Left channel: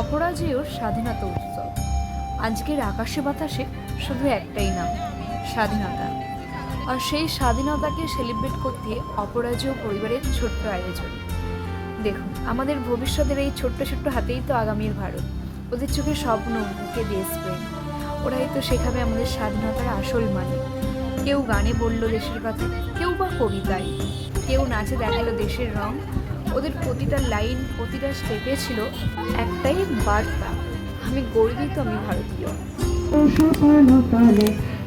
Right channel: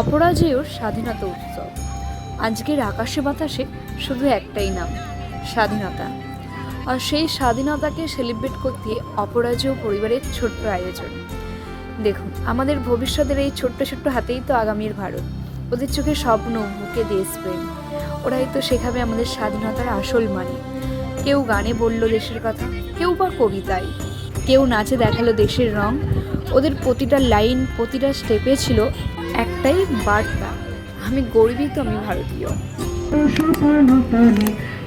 অপরাজেয়র স্বাধীনতা উৎসব। আজকের আকাশে বাতাসে শুধু একটাই নাম, স্বাধীনতা। আর সেই স্বাধীনতাকে সেলিব্রেট করতে অপরাজেয় পরিবারের ছোট্ট আয়োজন। দেখুন, আমাদের ভবিষ্যতের এই ছোট্ট ছোট্ট হাতেই তো আগামীর ভারত। ওদের চোখে স্বপ্ন, বুকে দেশপ্রেম। ওরাই তো শেখাবে আমাদের স্বাধীনতার আসল মানে। কেউ গানে বলল দেশের কথা, কেউ বা কবিতায়, কেউ নাচে দেখালো দেশের রং। ওদের প্রতিটা লাইন, প্রতিটা স্টেপে ছিল একটাই বার্তা, আমি গর্বিত, আমি ভারতীয়।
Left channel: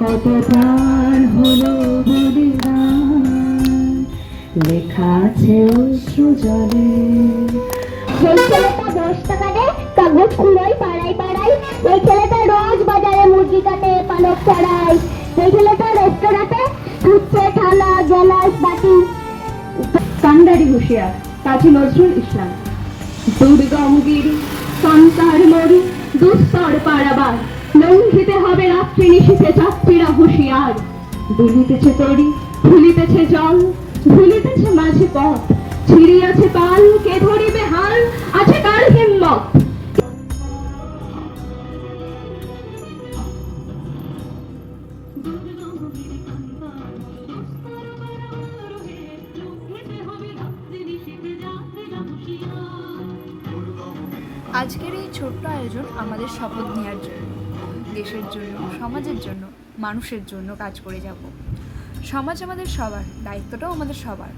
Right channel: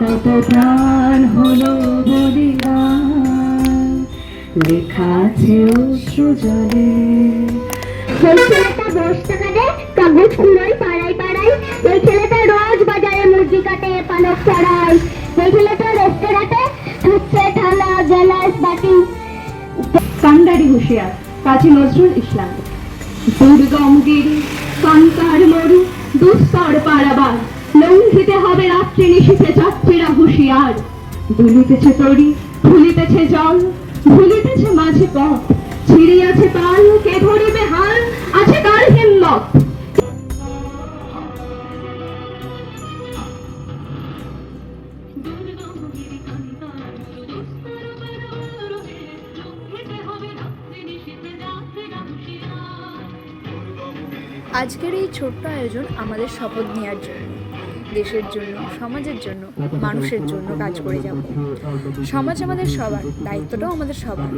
কত প্রাণ হলো বলিদান, লেখা আছে অশ্রু জলে। এই ছেলেটা 10 টাকা দেয় কাগজ কুলোয় পাড়ায় পাড়ায়। এই ছেলেটা রোজ বাজারে মুরগি কাটে, পালক চড়ায়। এই ছেলেটা রেস্টুরেন্টে ধুচ্ছে থালা, গ্লাস, বাটি। কান্ডারি হুঁশিয়ার কাজী নজরুল ইসলাম। দুর্গম গিরি, সন্তার মরু, দুস্তর পারাবার, লঙ্ঘিতে হবে রাত্রি নিশীথে যাত্রীরা হুঁশিয়ার। দুলিতেছে তরি, ভুলিতেছে জল, ভুলিতেছে মাঝে পথ, ছিড়িয়াছে পাল, কে ধরিবে হাল, আছে কার হিম্মত। আজকের এই ছোট্ট আয়োজন আমাদের শপথ নেওয়ার জন্য, দেশের জন্য, সমাজের জন্য, মানুষের জন্য কাজ করে যাব। সমাজ আমাদের সবার, দায়িত্বটাও আমাদের সবার।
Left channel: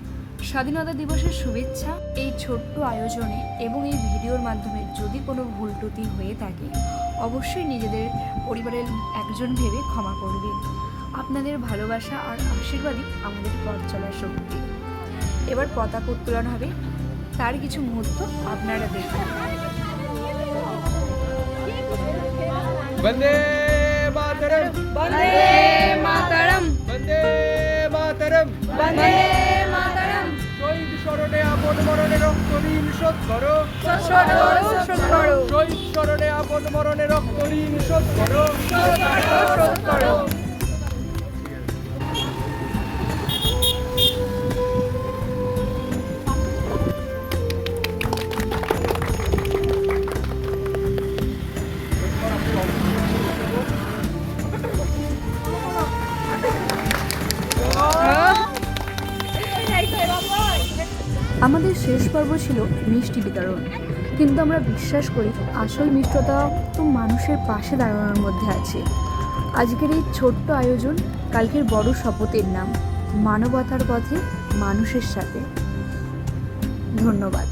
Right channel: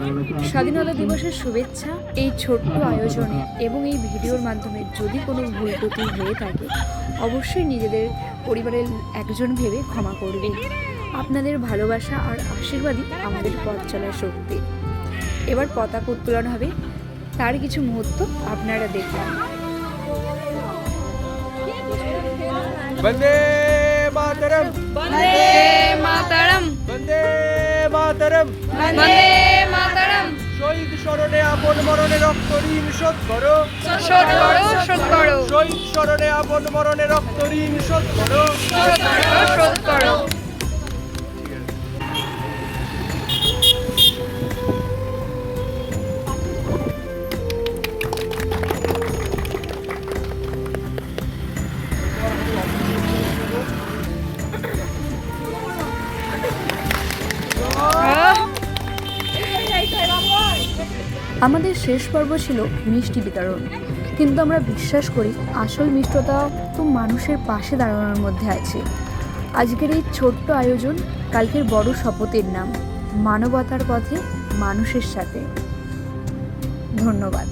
স্বাধীনতা দিবসের শুভেচ্ছা এই ছোট্ট আয়োজনে এবং এই ভিডিওর মাধ্যমে যদি কোনো ভুল ত্রুটি হয়ে থাকে, অবশ্যই নিজেদের পরিবারের একজন ভেবে ক্ষমা করবেন। আপনাদের ভালোবাসা আর আশীর্বাদই আমাদের পথ চলার শক্তি। এবার পতাকা উত্তোলন হবে, তার কিছু মুহূর্ত আপনারা দেখুন। বন্দে মাতরম, বন্দে মাতরম, বন্দে মাতরম, বন্দে মাতরম। শহীদ স্মরণে আপন মরণে রক্ত ঋণ শোধ করো, শোধ করো, শোধ করো, শহীদ স্মরণে আপন মরণে রক্ত ঋণ শোধ করো, শোধ করো, শোধ করো। আমাদের শেষ পর্ব ছিল মিষ্টি বিতরণ, কিন্তু আমরা বিশ্বাস করি আসল মিষ্টতা তো মানুষের পাশে দাঁড়ানোর মধ্যে আছে। আজকের এই ছোট্ট আয়োজন কালকের বড় শপথের নাম, মানবতার পথে মানুষের সাথে। ধন্যবাদ।